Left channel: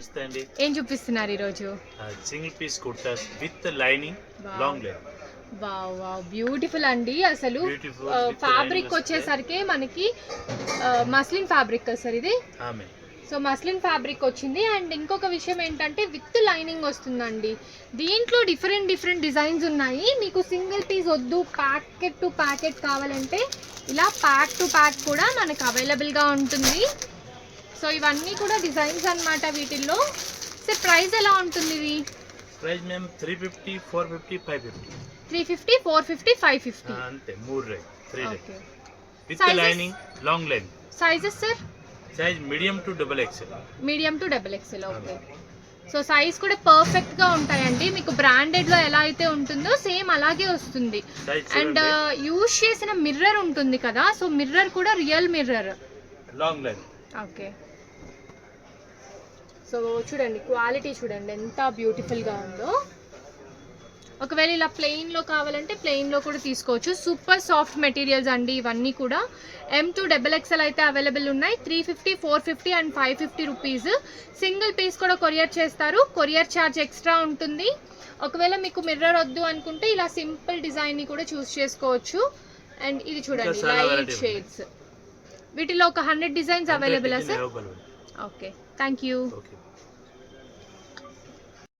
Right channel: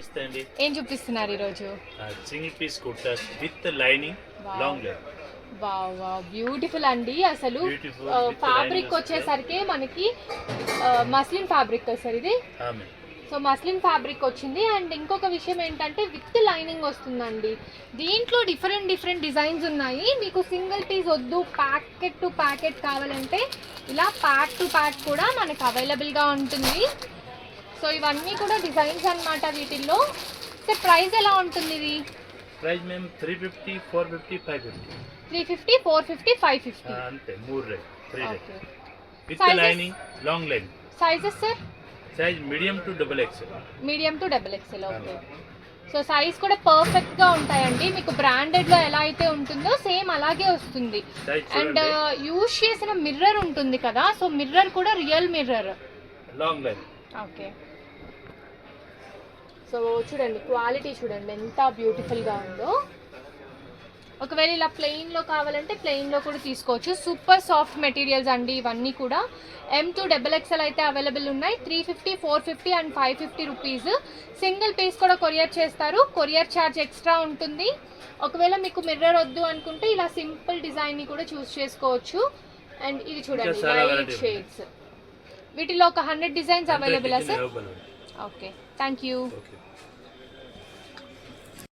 నమస్తే అండి. ఏం చూపిస్తున్నారు ఈరోజు? Single piece kurtas with lining, long line. Wow wow, beautiful అండి. అసలు ఫ్యాబ్రిక్ వచ్చేసరికి మనకి మస్లిన్ ఫ్యాబ్రిక్ సార్ ఇది. సో మస్లిన్ ఫ్యాబ్రిక్ వచ్చింది. అండ్ ఇంకొక విషయం ఏంటంటే విత్ లైనింగ్ వస్తుందండి. దీంట్లో డిఫరెంట్ డిజైన్స్ ఉన్నాయి. మీకు సింగిల్ పీస్ వద్దు, ప్యాకెట్ టు ప్యాకెట్ కావాలంటే ఇలా ప్యాక్ టు ప్యాక్ కూడా మనకు అవైలబుల్గా ఉంటుంది. సో ఇవన్నీ కూడా డిజైన్స్ అన్నమాట వీటిల్లో. సో ప్రైస్ ఎలా ఉంటుంది ఇది? ప్రైస్ మేము 350, 450, 550. 350, 450, 550 అంతే. 3 rate, 3 rate. Okay. With lining, long line. Sizes sir? Size medium to double XL. Medium to double XL. Okay. So size కూడా పర్ఫెక్ట్గా ఉంటాయండి. మీకు బ్రాండెడ్లో ఎలా అయితే ఉంటుందో సేమ్ అలాగే వస్తుంది. అండ్ యూజ్ చేసిన మిర్రర్ ఉంటుంది కదా, సో మిర్రర్ కూడా real mirror, long line. Okay. So చూడండి, క్వాలిటీ చూడండి ఎంత బ్యూటిఫుల్గా ఉందో. ఒకవేళ ఇలా ప్లెయిన్లో కావాలంటే ప్లెయిన్లో కూడా తీసుకోవచ్చు. సూపర్ సాఫ్ట్ మెటీరియల్స్ అండి ఇవన్నీ కూడా. M2XXL అయితే అవైలబుల్ ఉన్నాయి. 350, 450 అండ్ 550 రూపీస్. సింగిల్ పీస్ కూడా కొరియర్ చేస్తారు. కొరియర్ ఛార్జ్ ఎక్స్ట్రా ఉంటుంది. ఒకవేళ మీకు మిర్రర్ వద్దు అనుకుంటే ఇలా సింపుల్ డిజైన్ని కూడా చూస్ చేసుకోవచ్చు. అండ్ ఇది చూడండి, లైట్ షేడ్స్. వీటిలో ఒక 100 designs available sir? Okay. Okay, thank you. Okay.